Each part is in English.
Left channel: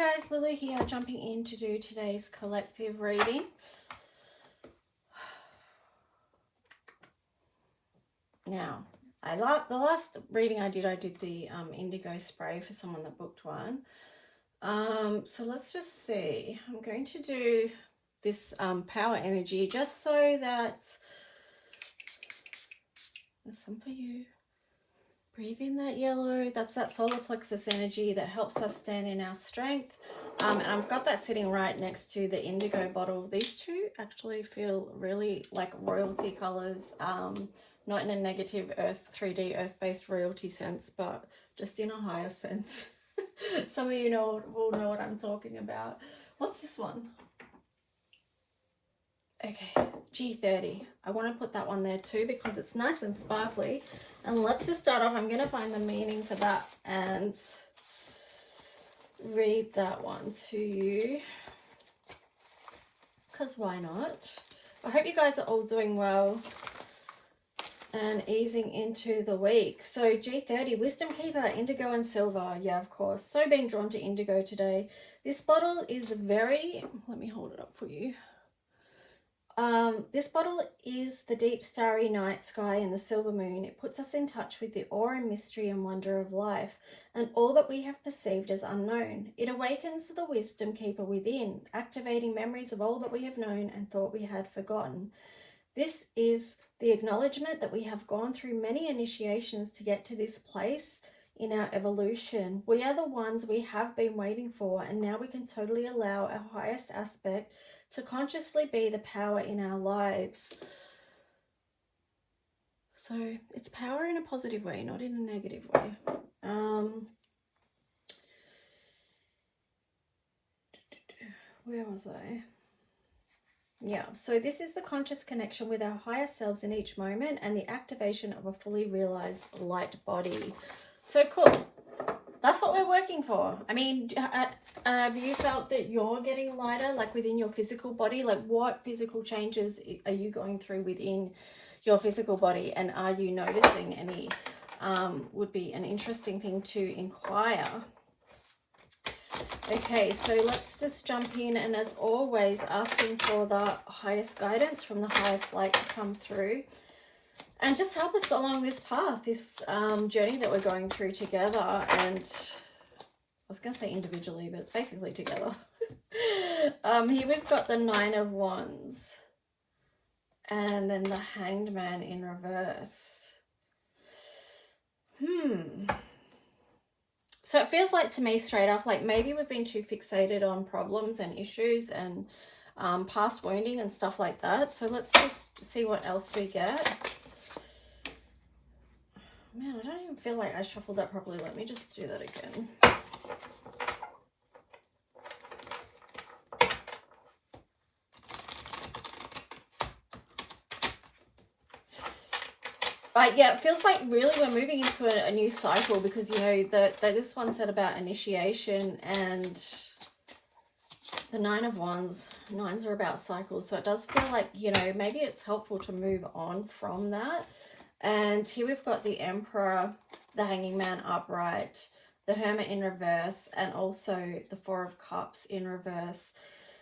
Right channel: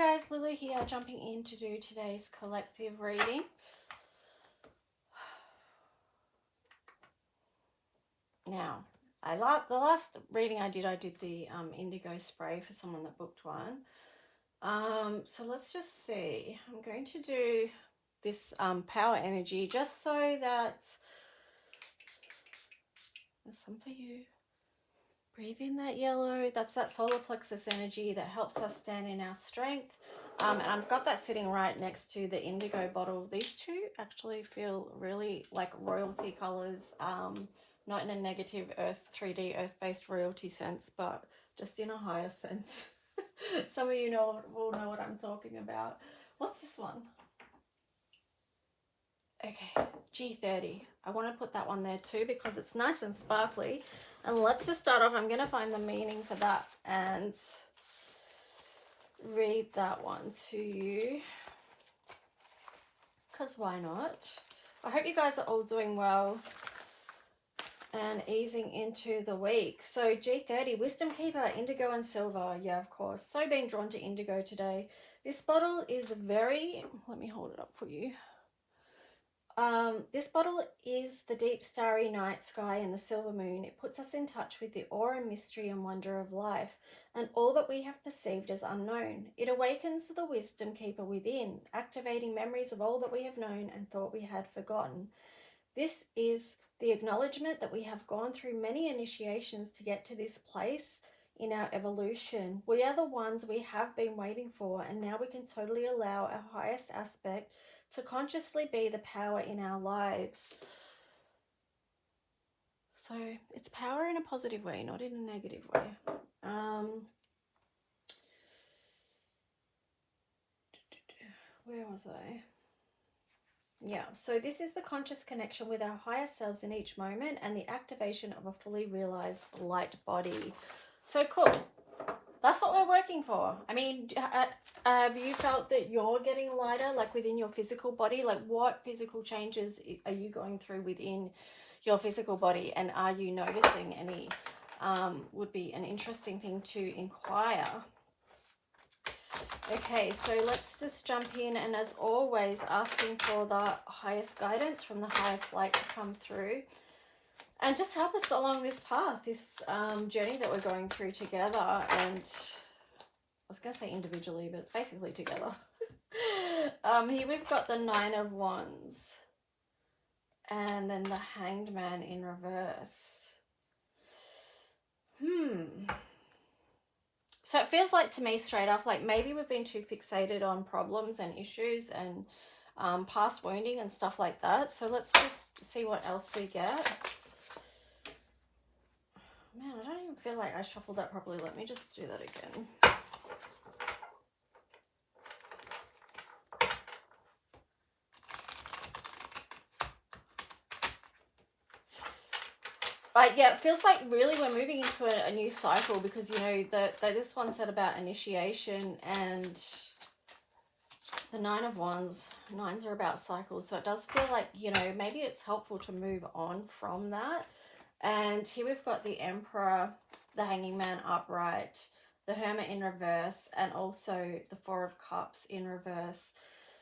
guys, Lulu here, jumping in to do today's collective reading. Now, the last reading I did the indigo spray for someone that booked one. So let's just see. I'm going to do this power energy just so that there's some for you. Breathe in that yellow. That's that solar plexus energy that helps us stand in our strength. And I've got that sitting right next to the indigo bottle. These two actually feel really like royalty colors, not in a negative 3D earth-based royalty sense, but just in a higher sense. Some of you will know what I'm talking about. What's this one? Okay, G30. I want to put that one there too because it's nice and sparkly. And let's just start off. I'm going to find the meaning for that and read that one to you. Because why not? I hope you guys are all doing well and easing into the week. So G30, Wisdom Keeper, Indigo and Silver. Yeah, of course. So being drawn to indigo today. This bottle is very... Let me hold it up for you. This bottle is the deep starry night sky and the silver moon. It puts us in touch with the awe and mystery and wonder of life and all that we have perceived as unknown. It awakens the wisdom keeper within, activating memories of all that we have known and thought we had forgotten. This is the acknowledgement that we have gone through many initiations to get to this place in our evolution. We are the ones we have been waiting for, and now we can totally allow our highest aspect to consciously be the power in our lives. So it's power in a positive way, not in a negative way. Where was I? Yeah, so this is the conscious connection with our higher selves in each moment and the activation of a fully realized light body. So cool. That's what we're working for. I mean, have you felt that you're getting lighter, like within your physical body? Like what physical changes are you going through within your physical body? And are you noticing any? Would be an interesting thing to inquire. Okay, so let's just jump in. And as always, asking for the highest guidance from the highest light to come through. And just help us along this path, this journey that we're going through together. And I was going to say individually, but it's basically together. Here we've got the 9 of Wands. And then the Hanged Man in reverse. So it feels like to me straight off, like maybe we've been too fixated on problems and issues and past wounding and stuff like that. So let's just see what else we get. Man, I don't even feel like I shuffled that properly. Let me just do that again. Yeah, it feels like really we're moving into a new cycle because, you know, this one said about initiation and the 9 of Wands. 9s are about cycles. So it does feel like, you know, maybe it's helpful to move on from that. And here we've got the Emperor, the Hanging Man upright, the Hermit in reverse, and also the 4 of Cups in reverse.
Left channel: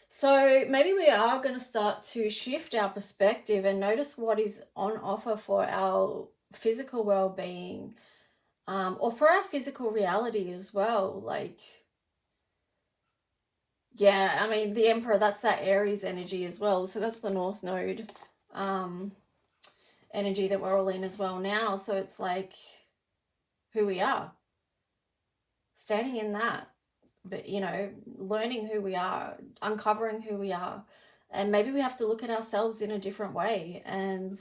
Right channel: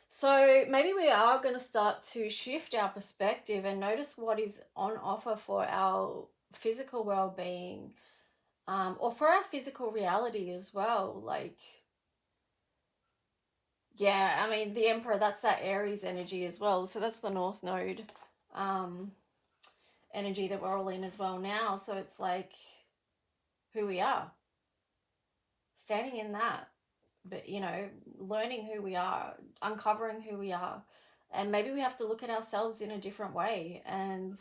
So maybe we are going to start to shift our perspective and notice what is on offer for our physical well-being, or for our physical reality as well. Like, yeah, I mean, the Emperor, that's that Aries energy as well. So that's the North Node energy that we're all in as well now. So it's like who we are, standing in that, but, you know, learning who we are, uncovering who we are. And maybe we have to look at ourselves in a different way. And,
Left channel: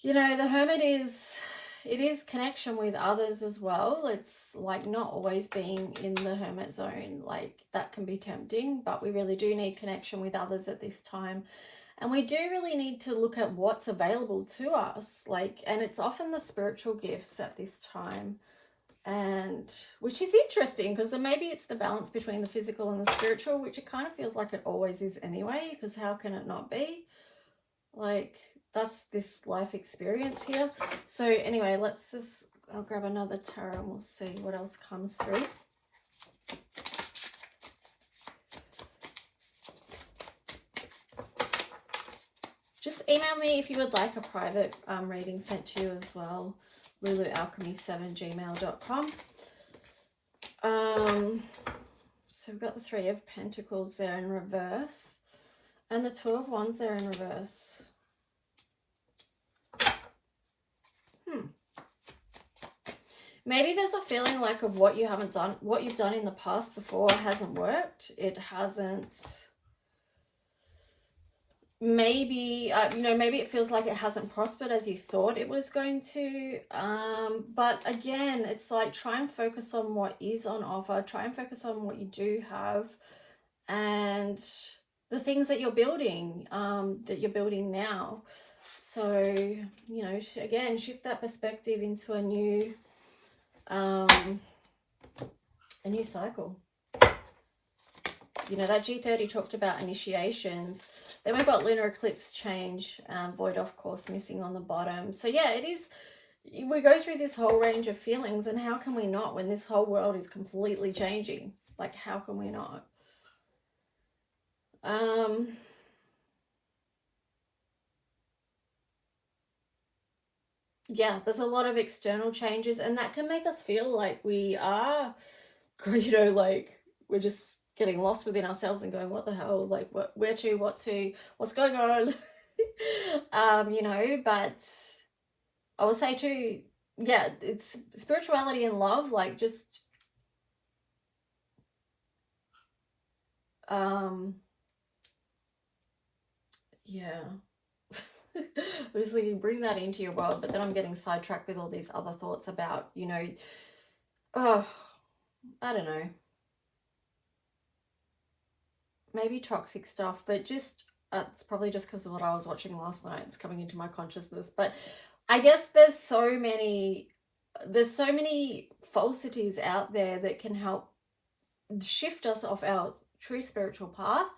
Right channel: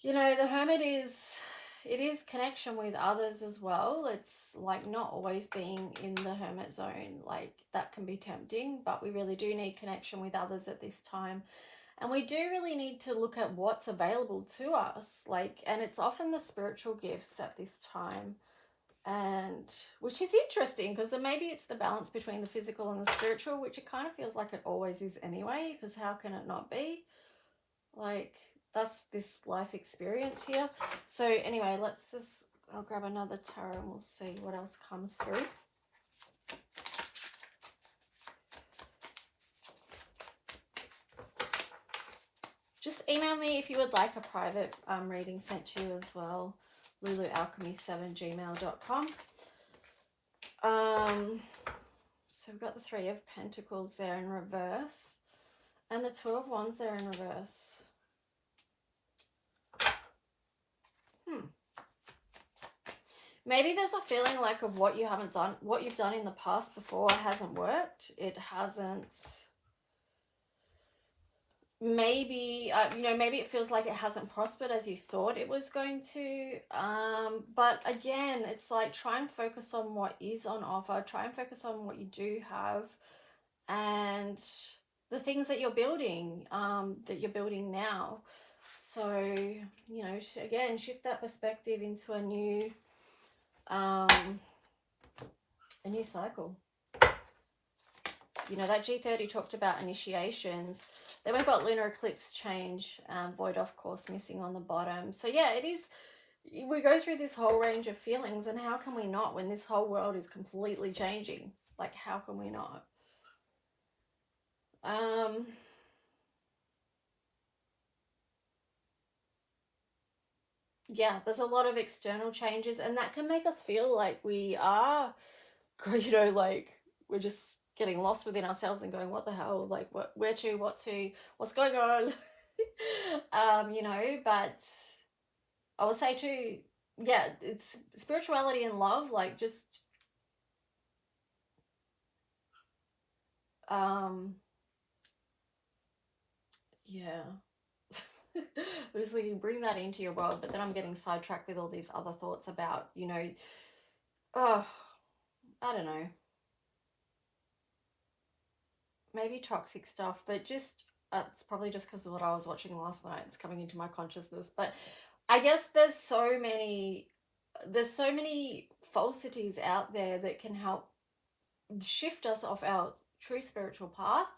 you know, the Hermit it is connection with others as well. It's like not always being in the Hermit zone. Like that can be tempting, but we really do need connection with others at this time. And we do really need to look at what's available to us. Like, and it's often the spiritual gifts at this time. And which is interesting because maybe it's the balance between the physical and the spiritual, which it kind of feels like it always is anyway, because how can it not be? Like, that's this life experience here. So anyway, I'll grab another tarot and we'll see what else comes through. email me if you would like a private reading sent to you as well. lulualchemy7gmail.com. So we've got the Three of Pentacles there in reverse, and the Two of Wands there in reverse. Maybe there's a feeling like of what you haven't done, what you've done in the past before hasn't worked. It hasn't. Maybe, you know, maybe it feels like it hasn't prospered as you thought it was going to. But again, it's like, try and focus on what is on offer. Try and focus on what you do have and the things that you're building, now. So, you know, again, shift that perspective into a new cycle. You know, that G30 talked about initiations. Then we've got lunar eclipse change, void of course missing on the bottom. So yeah, it is, we go through this whole range of feelings, and how can we not when this whole world is completely changing? Like, how can we not? Yeah, there's a lot of external changes, and that can make us feel like we are, you know, like we're just getting lost within ourselves and going, what the hell, like where to, what's going on? You know, but I would say too, yeah, it's spirituality and love, like just yeah. Obviously you bring that into your world, but then I'm getting sidetracked with all these other thoughts about, you know, oh, I don't know, maybe toxic stuff, but just it's probably just because of what I was watching last night. It's coming into my consciousness. But I guess there's so many falsities out there that can help shift us off our true spiritual path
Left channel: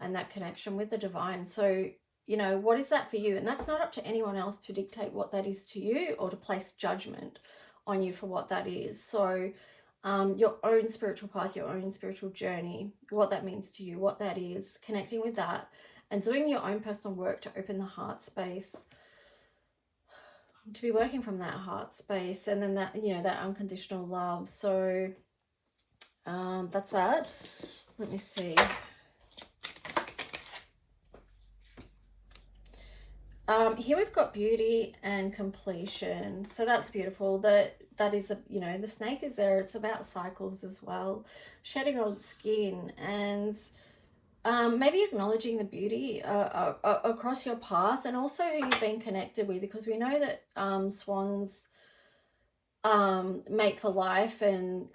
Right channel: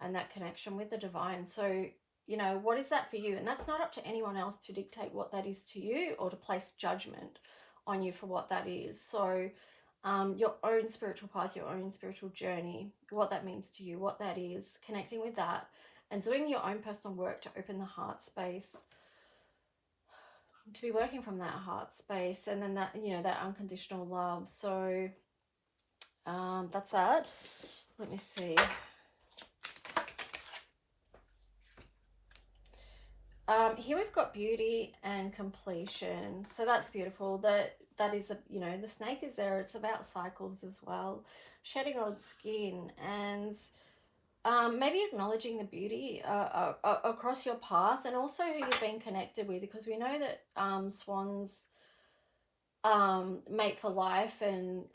and that connection with the divine. So, you know, what is that for you? And that's not up to anyone else to dictate what that is to you or to place judgment on you for what that is. So your own spiritual path, your own spiritual journey, what that means to you, what that is, connecting with that, and doing your own personal work to open the heart space, to be working from that heart space, and then that, you know, that unconditional love. So that's that. Let me see. Here we've got beauty and completion, so that's beautiful. That is a, you know, the snake is there. It's about cycles as well, shedding old skin, and maybe acknowledging the beauty across your path, and also who you've been connected with, because we know that swans mate for life, and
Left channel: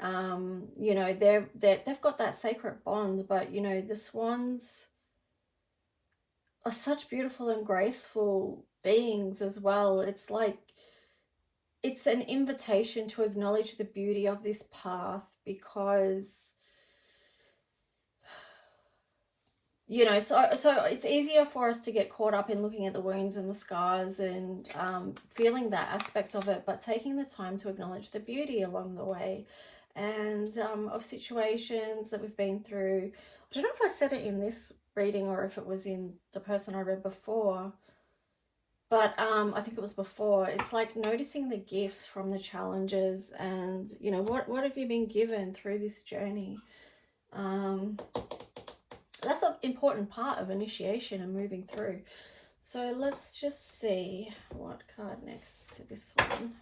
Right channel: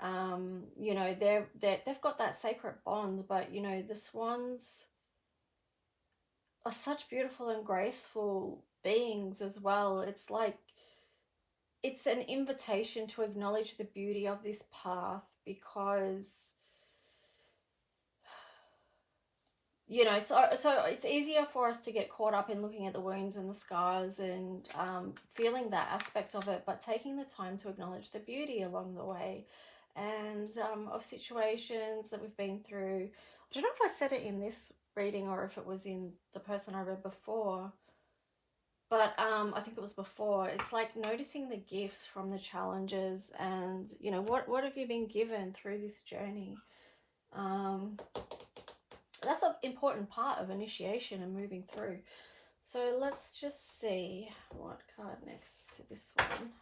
you know, they've got that sacred bond. But you know, the swans are such beautiful and graceful beings as well. It's like, it's an invitation to acknowledge the beauty of this path, because, you know, so it's easier for us to get caught up in looking at the wounds and the scars and feeling that aspect of it, but taking the time to acknowledge the beauty along the way, and of situations that we've been through. I don't know if I said it in this reading or if it was in the person I read before, but I think it was before. It's like noticing the gifts from the challenges, and you know, what have you been given through this journey? That's an important part of initiation and moving through. So let's just see what card next to this one.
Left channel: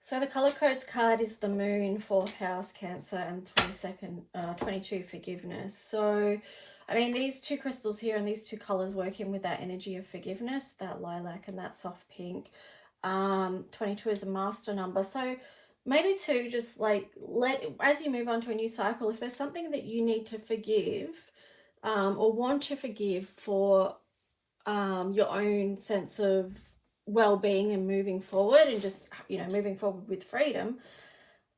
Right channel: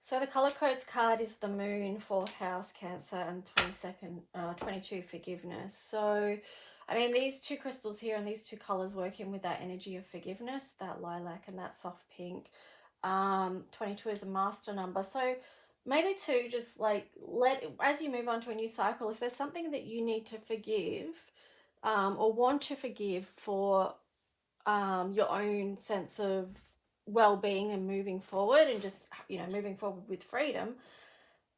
So the color codes card is the Moon, 4th house, Cancer, and 22 forgiveness. So, I mean, these two crystals here and these two colors working with that energy of forgiveness, that lilac and that soft pink. 22 is a master number. So maybe to just like as you move on to a new cycle, if there's something that you need to forgive or want to forgive for your own sense of well-being and moving forward, and just, you know, moving forward with freedom,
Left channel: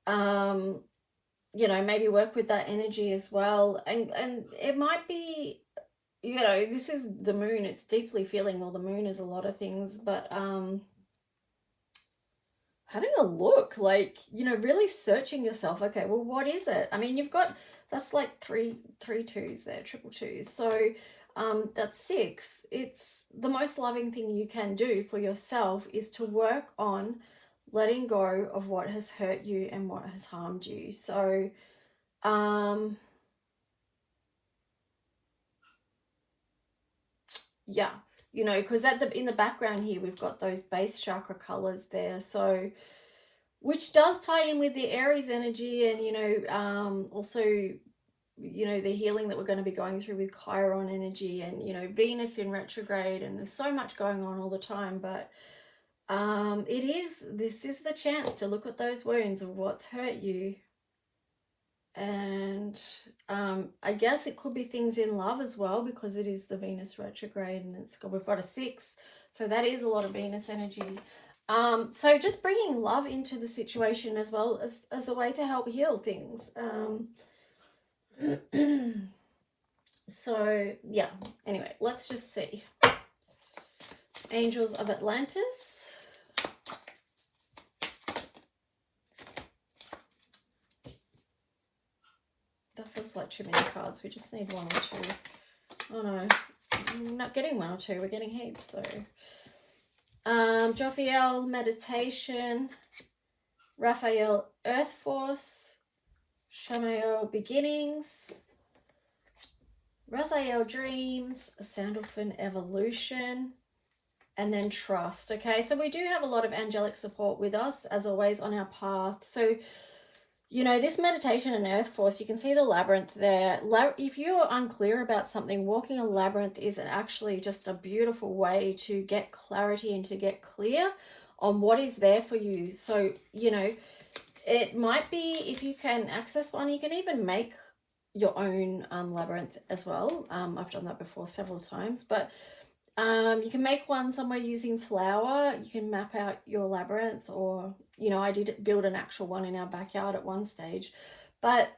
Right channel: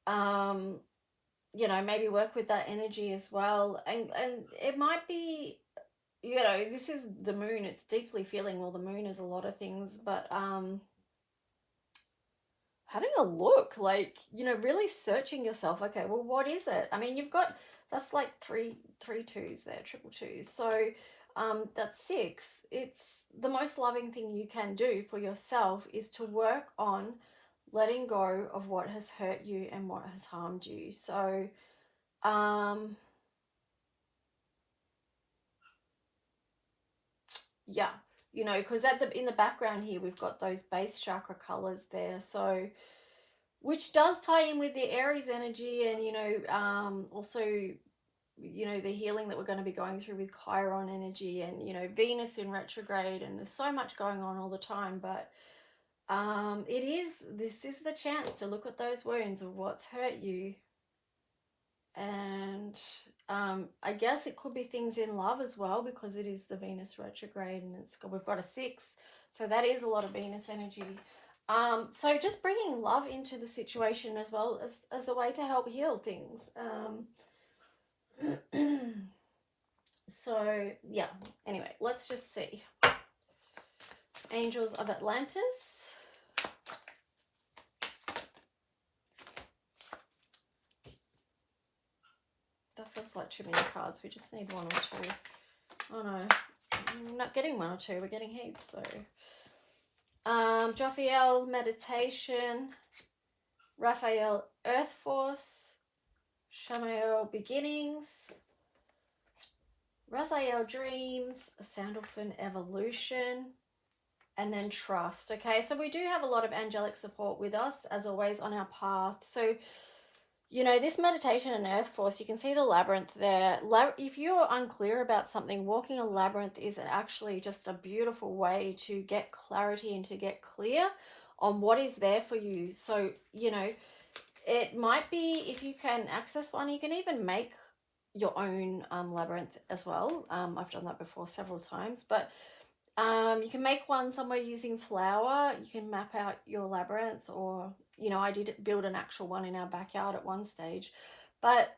you know, maybe work with that energy as well. And it might be you know, this is the moon. It's deeply feeling, well, the moon is a lot of things, but having a look, like, you know, really searching yourself. Okay, well, what is it? I mean, you've got, that's like three twos there, triple twos. So that's six. It's the most loving thing you can do for yourself is to work on letting go of what has hurt you and what has harmed you. So yeah, you know, because at the in the background here we've got those base chakra colors there, so which does tie in with the Aries energy, and you know, also, you know, the healing that we're going to be going through with Chiron energy, and you know, Venus in retrograde, and there's so much going on all the time. But this is the chance to look at those wounds of what's hurt you. And I guess it could be things in love as well, because it is the Venus retrograde, and we've got a 6, so that is a lot of Venus energy. So just bringing love into the situation as well as a way to help heal things. So yeah, anyway, let's just see. Angels of Atlantis. That feels like too many cards. We just need 1 or 2. Oh no, we're not getting 1 or 2, we're getting heaps. So Jophiel, Meditation. Raphael, Earth Force. Shamael, Beginnings. Raziel, Dreams. Sandalphon, Evolution. And then Trust. Okay, so we do have a lot of angelic support with us, as always, on our path. So, you know, this meditation and Earth Force, you can see the labyrinth there. If you're unclear about something, walking a labyrinth is actually just a beautiful way to get clarity and to get clear on what is there for you. So, you know, it might be, if you can access one, you can even make your own labyrinth as well. I've done that before several times, but you can make one somewhere using flour. You can map out your labyrinth, or, you know, I did build an actual one in our backyard at one stage. But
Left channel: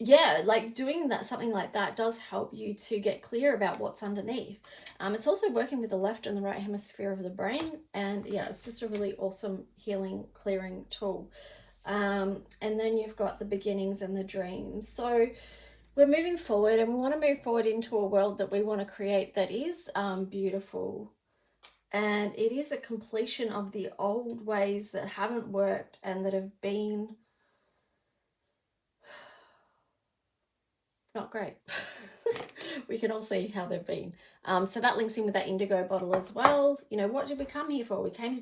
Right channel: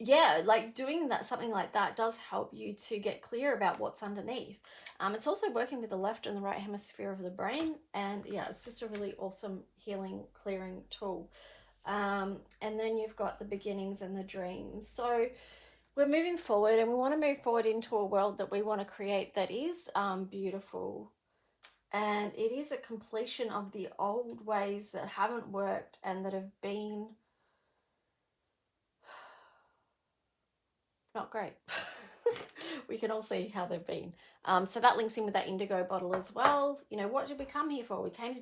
yeah, like doing that, something like that does help you to get clear about what's underneath. It's also working with the left and the right hemisphere of the brain, and yeah, it's just a really awesome healing, clearing tool. And then you've got the beginnings and the dreams. So we're moving forward, and we want to move forward into a world that we want to create that is beautiful. And it is a completion of the old ways that haven't worked and that have been not great. We can all see how they've been. So that links in with that indigo bottle as well. You know, what did we come here for? We came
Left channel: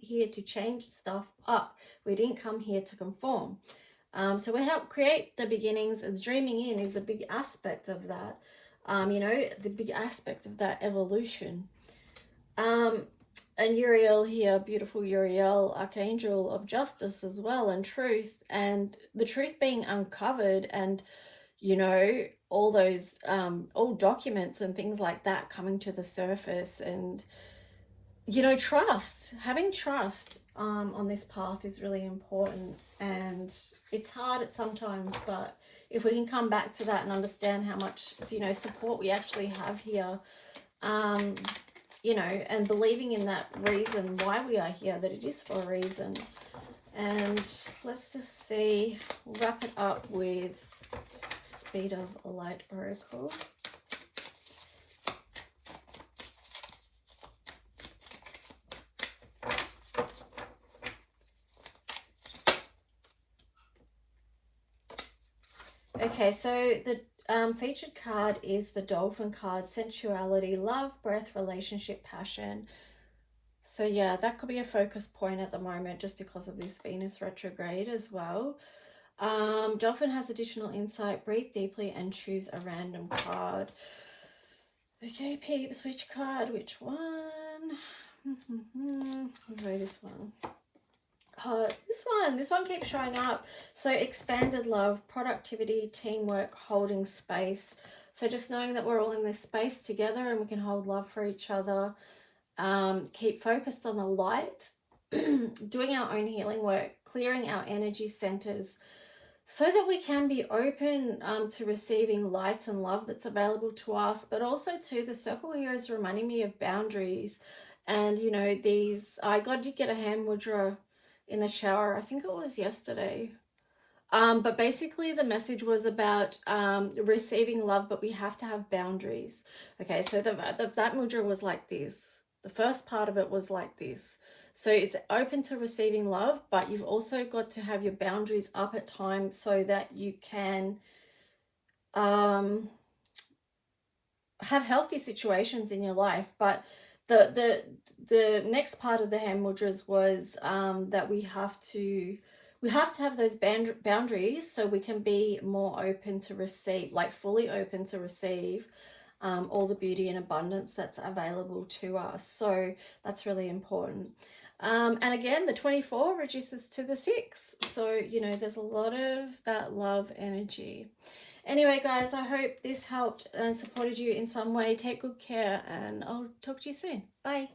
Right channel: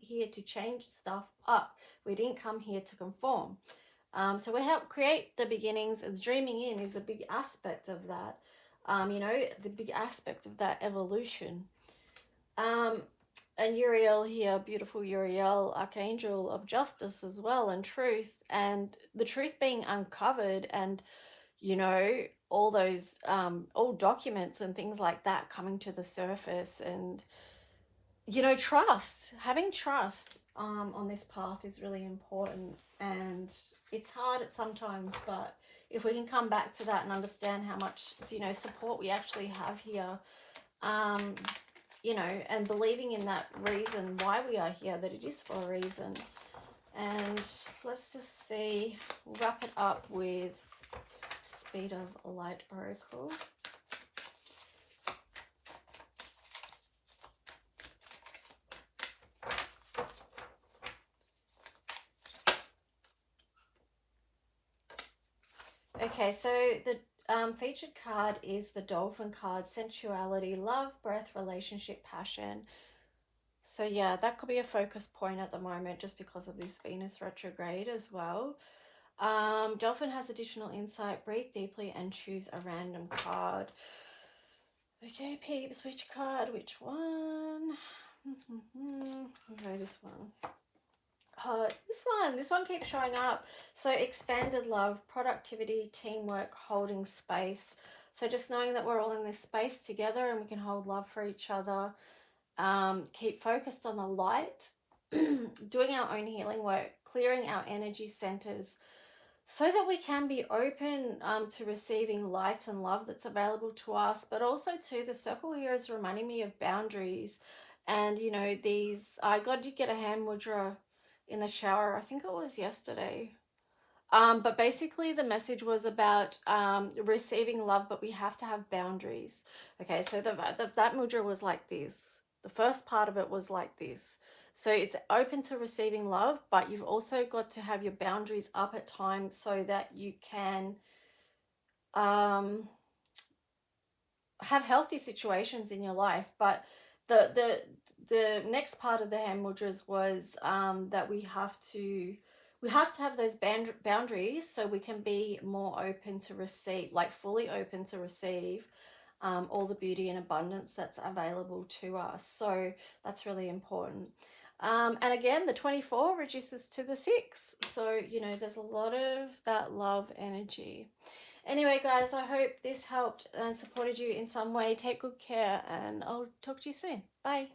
here to change stuff up. We didn't come here to conform. So we help create the beginnings, and dreaming in is a big aspect of that. You know, the big aspect of that evolution. And Uriel here, beautiful Uriel, Archangel of Justice as well, and truth, and the truth being uncovered, and, you know, all those old documents and things like that coming to the surface. And, you know, trust, having trust on this path is really important, and it's hard at sometimes, but if we can come back to that and understand how much, you know, support we actually have here, you know, and believing in that reason why we are here, that it is for a reason. And let's just see, wrap it up with Speed of Light Oracle. Okay, so the featured card is the Dolphin card, sensuality, love, breath, relationship, passion. So yeah, that could be a focus point at the moment, just because of this Venus retrograde as well. Dolphin has additional insight. Breathe deeply and choose a random card. Okay, peeps, which card? Which one? Okay, this one. This one keeps showing up. So expanded love, productivity, teamwork, holding space. So just knowing that we're all in this space together and we can hold love for each other. Keep focused on the light, doing our own healing work, clearing our energy centers, so that we can be open to receiving light and love that's available to us. But also too, the circle here is reminding me of boundaries. And you know, these, I got to get a hand mudra in the shower, I think it was yesterday. But basically the message was about receiving love, but we have to have boundaries. Okay, so that mudra was like this. The first part of it was like this. So it's open to receiving love, but you've also got to have your boundaries up at times so that you can um, have healthy situations in your life. But the next part of the hand mudras was that we have to have those boundaries so we can be more open to receive, like fully open to receive all the beauty and abundance that's available to us. So that's really important. And again, the 24 reduces to the 6. So, you know, there's a lot of that love energy. Anyway, guys, I hope this helped and supported you in some way. Take good care, and I'll talk to you soon. Bye.